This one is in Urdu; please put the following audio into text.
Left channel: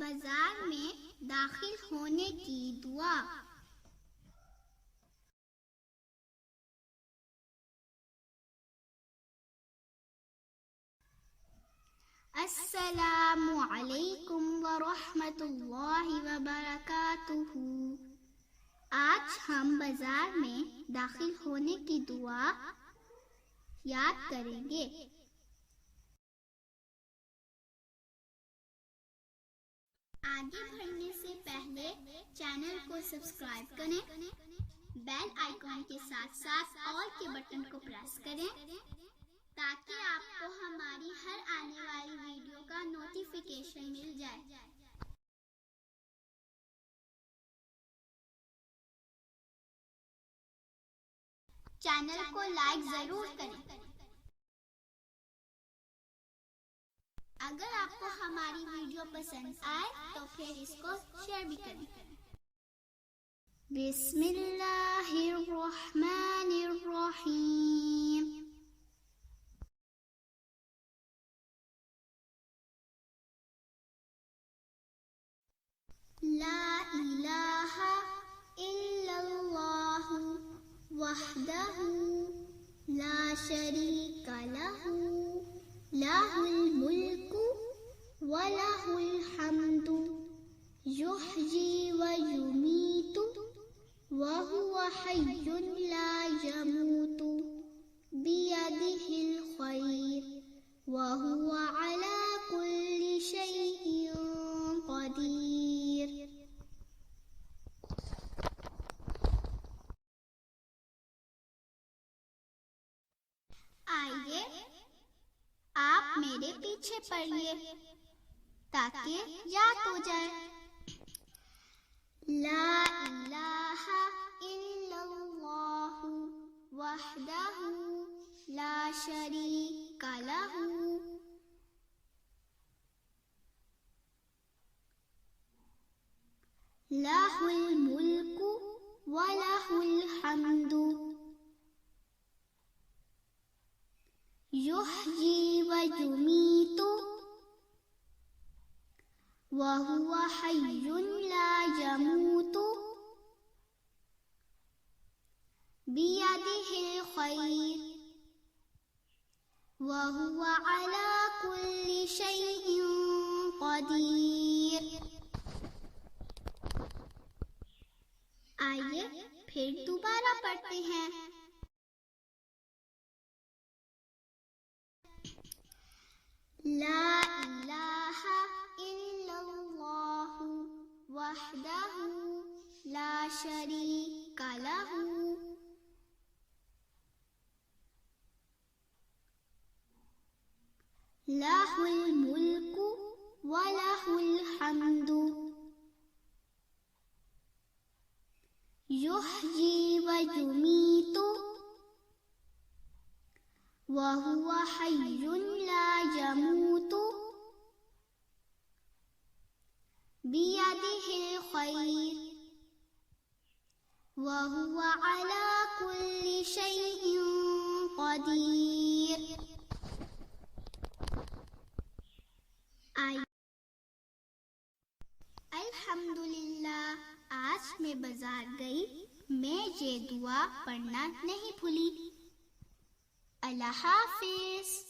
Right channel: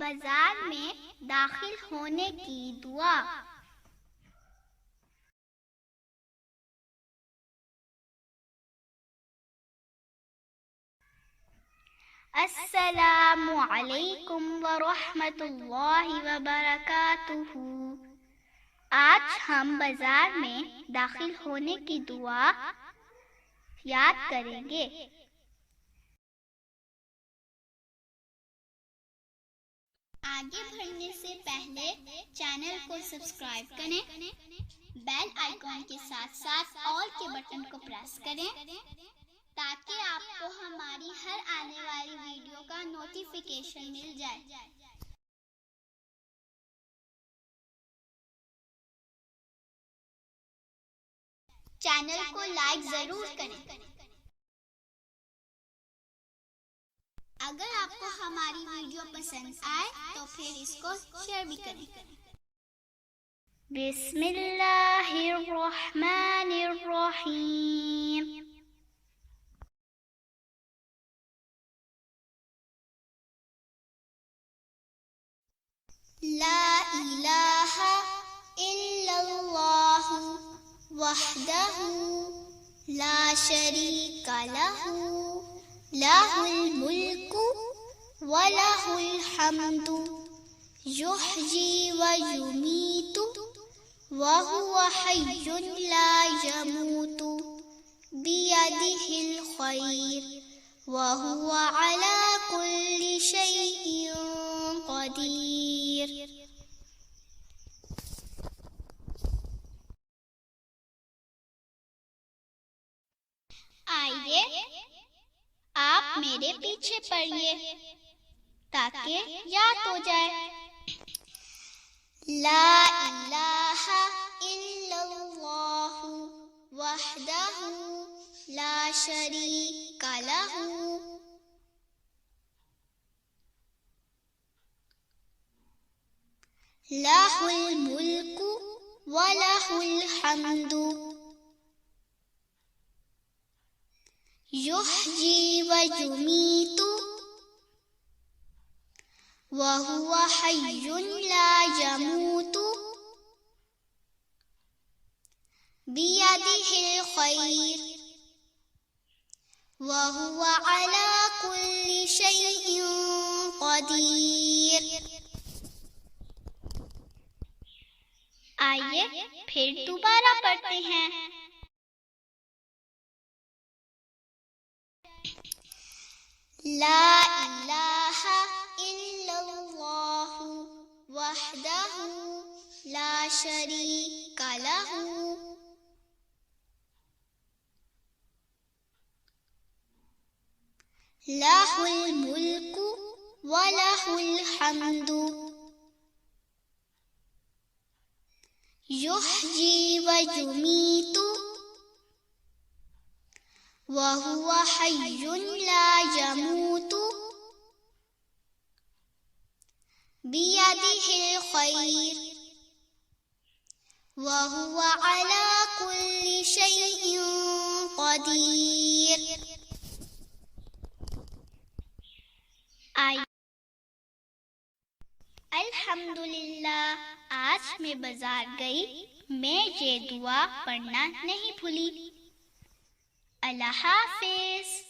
بازار میں داخل ہونے کی دعا۔ السلام علیکم ورحمۃ اللہ وبرکاتہ۔ آج ہم بازار میں داخل ہونے کی دعا یاد کریں گے۔ آگے بڑھنے سے پہلے چینل کو سبسکرائب کریں، بیل آئیکن کے ساتھ ساتھ آل کے بٹن کو پریس کریں تاکہ آپ کو ہماری ہر آنے والی ویڈیو کا نوٹیفیکیشن مل جائے۔ چینل کو لائک ضرور کریں۔ اگر آپ کو ہماری ویڈیو پسند آئے تو پھر اس کو شیئر بھی کریں۔ بسم اللہ الرحمن الرحیم۔ لا الہ الا اللہ وحدہ لا شریک لہ لہ الملک ولہ الحمد یحیی ویمیت وہو حی لا یموت بیدہ الخیر وہو علی کل شیء قدیر۔ آئیے آپ میرے پیچھے پڑھیے تاکہ یاد ہو جائے۔ لا الہ الا اللہ وحدہ لا شریک لہ لہ الملک ولہ الحمد یحیی ویمیت وہو حی لا یموت بیدہ الخیر وہو علی کل شیء قدیر۔ آئیے پھر دوبارہ پڑھتے ہیں۔ لا الہ الا اللہ وحدہ لا شریک لہ لہ الملک ولہ الحمد یحیی ویمیت وہو حی لا یموت بیدہ الخیر وہو علی کل شیء قدیر۔ الحمدللہ، آج میں بازار گئی، میں یہ دعا پڑھنا نہیں بھولی۔ اللہ حافظ۔